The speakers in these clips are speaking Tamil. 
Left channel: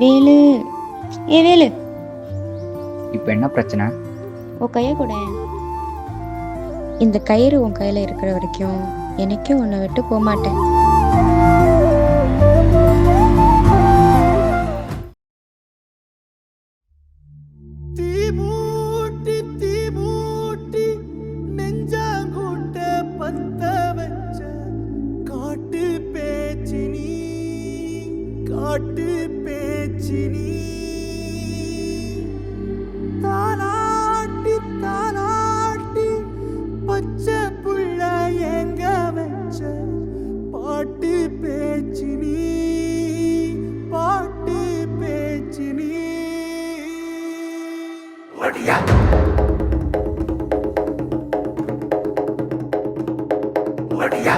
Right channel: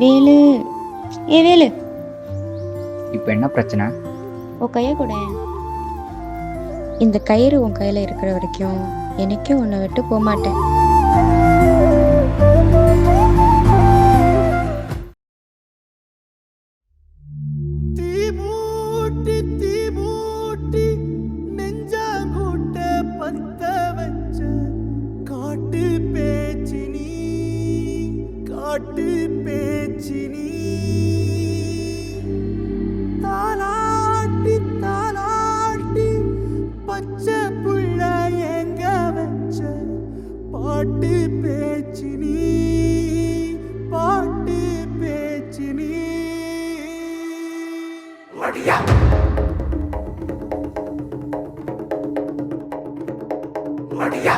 வேலு, வேலு, இப்போ என்ன பிரச்சனை? உன் கையை கூட. இந்த கயிறு உன் கையில இருக்கிற வரைக்கும் எனக்கும் உன்னை விட்டு போக மாட்டேன். தீமூட்டி நெஞ்சாங்கூட்ட பத்த வச்ச காட்டு பேச்சினி தாலாட்டி தாலாட்டி பச்சை புள்ள எங்க வச்ச பாட்டு பேச்சினி ஒடியா ஒடியா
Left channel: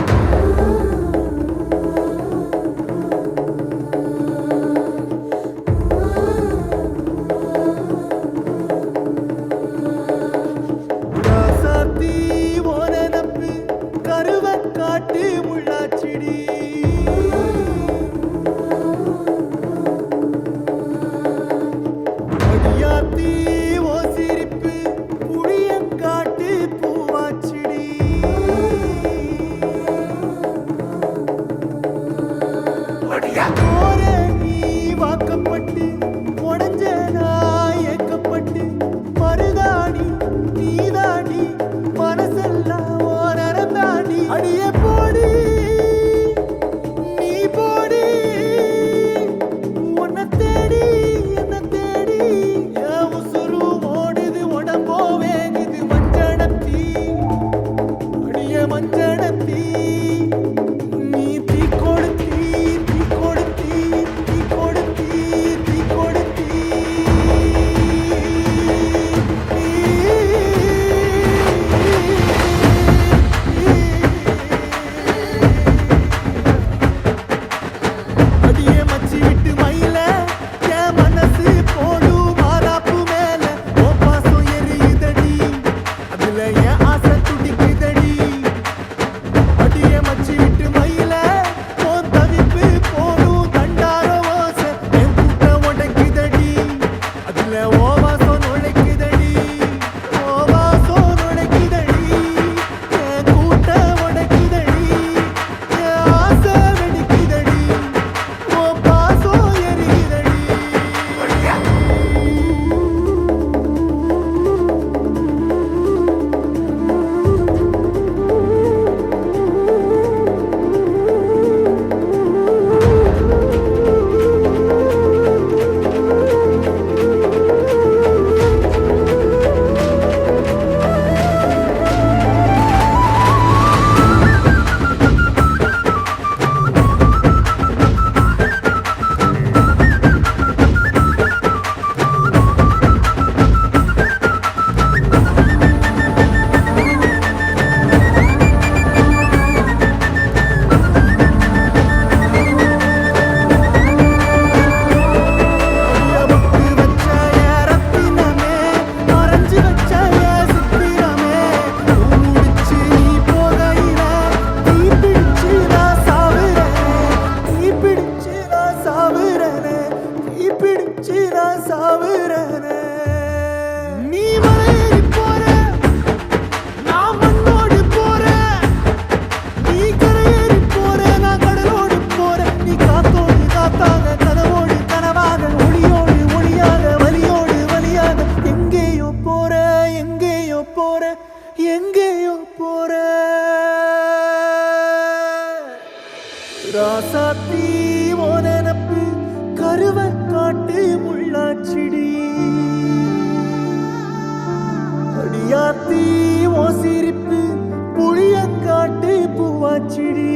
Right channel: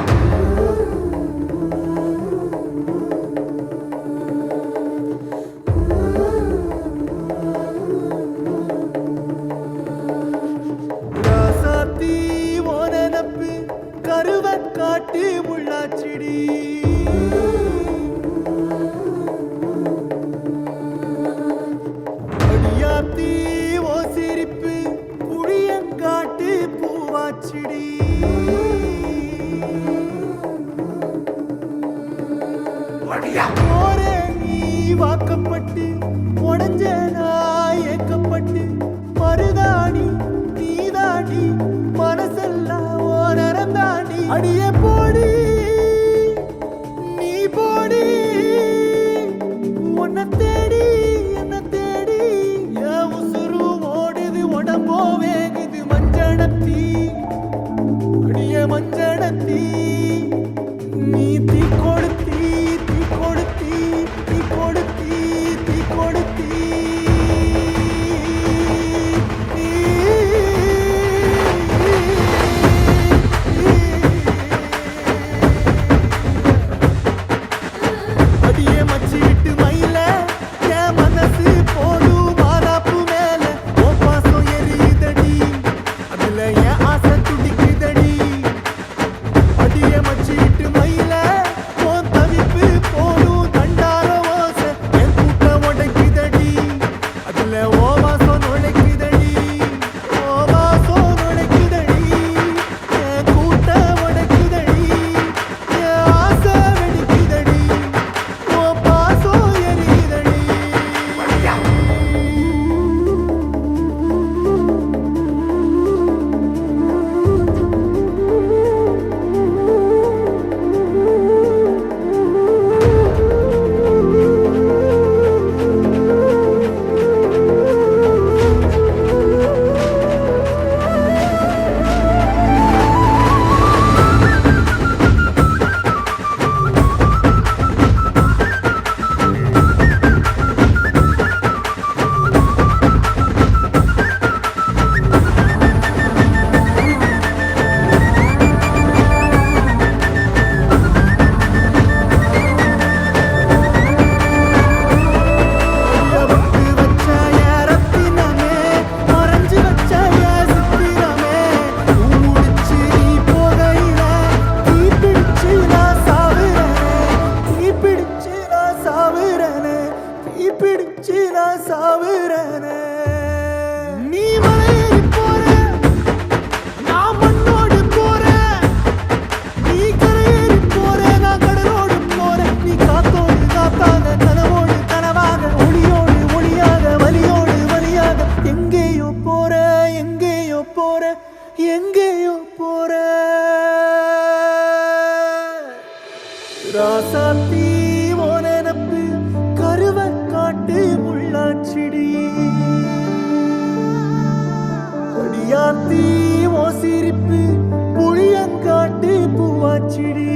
ராசாத்தி ஓனப்பு கருவ காட்டு முள்ளாச்சிடி அடியாத்தி ஓ சிரிப்பு புளியங்காட்டு பூவாச்சிடி போரே நீ வாக்கப்பட்டு உடஞ்ச நாய் ஏக்கப்பட்டு மருதாணி நீதாண்டி மனசெல்லாம் ஓ நரந்தாண்டி அடியே போடி நீ போடி உன்னை தேடி என்ன தேடி என் உசுரு ஓடுது உடம்போ வேகுது மஞ்சனத்தி அடிய மஞ்சனத்தி நீ தீ கொடுத்தி தீ கொடுத்தி தீ கொடுத்தி தீ கொடுத்தி அடியே மச்சி விட்டு மயில என் மனசு போடு மாறாப்பு மேல ஓ பாசம் எரியுதடி அதுல என் ஆசை துடிக்குதடி அடியே மச்சி விட்டு மயில போன் தவிப்பு போடும் தண்டார ஓசை என் கூட்டம் உடைக்குதடி அதுல ஓ வாசம் நுழைக்குதடி ஓ வாசம் நுழைக்குதடி என் கூட்டம் உடைக்குதடி என் ஆசை வெடிக்குதடி ஓ பாசம் எரியுதடி அடியபட்டு வச்ச என் ரத்தினமே மறைஞ்சு வச்ச என் சித்திரமே பூ முடிச்சு நீ போகையில தீ பிடிச்சு நான் சாவுறனே தீ பிடிச்சு நான் சாவுறனே தீ பிடிச்சு நான் சாவுறனே நீ மலையேறி போற நான் மண்ணோடு போறேன் நீ கரையேறி போற நான் கடலோடு போறேன் நீ காத்தோடு காத்தாக கனவோடு கனவாக ஒளியோடு ஒளியாக வலியோடு வலியாக எங்கேயோ போற எங்கேயோ போற எங்கேயோ போற ராசாத்தி ஓ நினப்பு கருவ காட்டு முள்ளாச்சிடி அடியாத்தி ஓ சிரிப்பு புளியங்காட்டு பூவாச்சிடி